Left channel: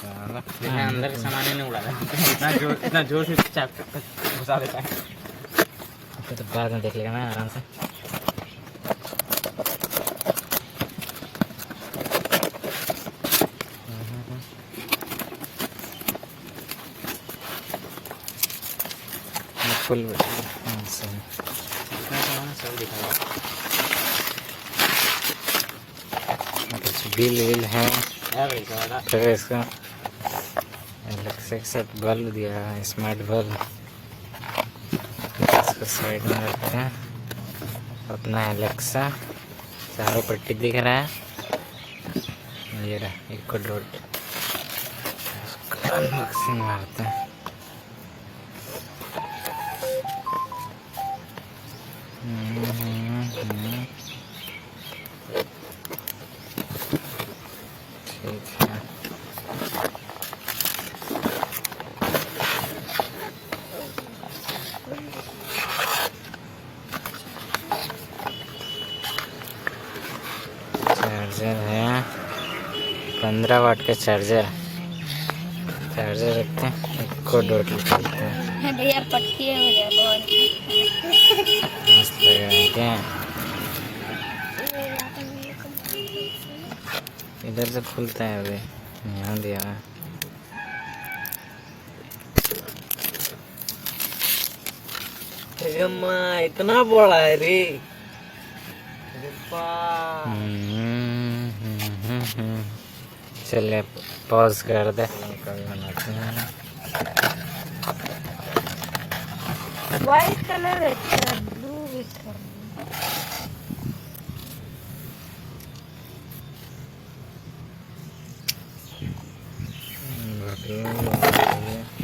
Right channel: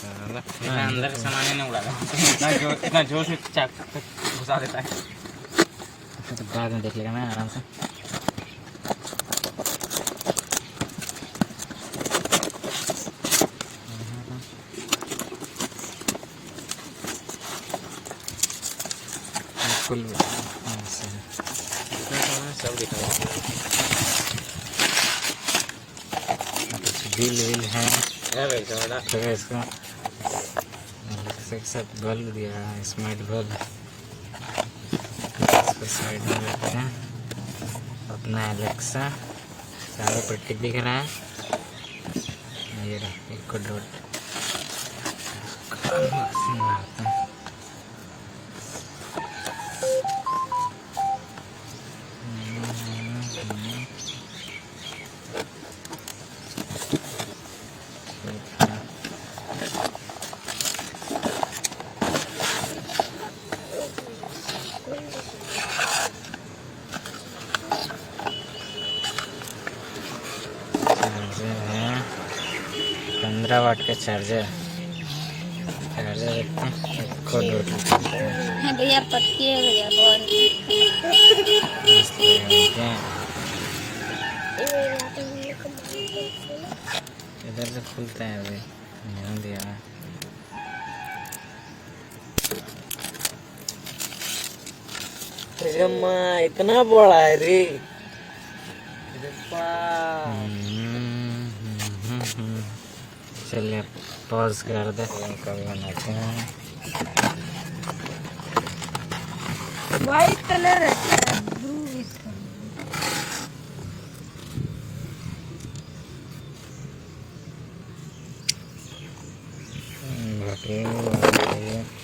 साला अंदर सामान ही नहीं उड़ा रहा इतना जोर से घुसा देता है। तो बाद में देख लेगा ना आराम से। फुल बिल है फिर इसका सब बल्ब दिया है, स्मार्ट बल्ब। इसको साइड में रखते हैं। अपना एलेक्सा चारों पर टिक दिख रहा है। ये रहा इको डॉट अनबॉक्सिंग आता है। चार्जर है 15 वाट का चार्जर रखते हैं। इको डॉट भैया पट्टी है भैया बहुत इधर से खुलता है। अभी यहाँ दिया है। इतना बड़ा है रे। चलिए पॉज कर दे, कल बनाते हैं। व्हाइट कलर है ब्लू इसका। बहुत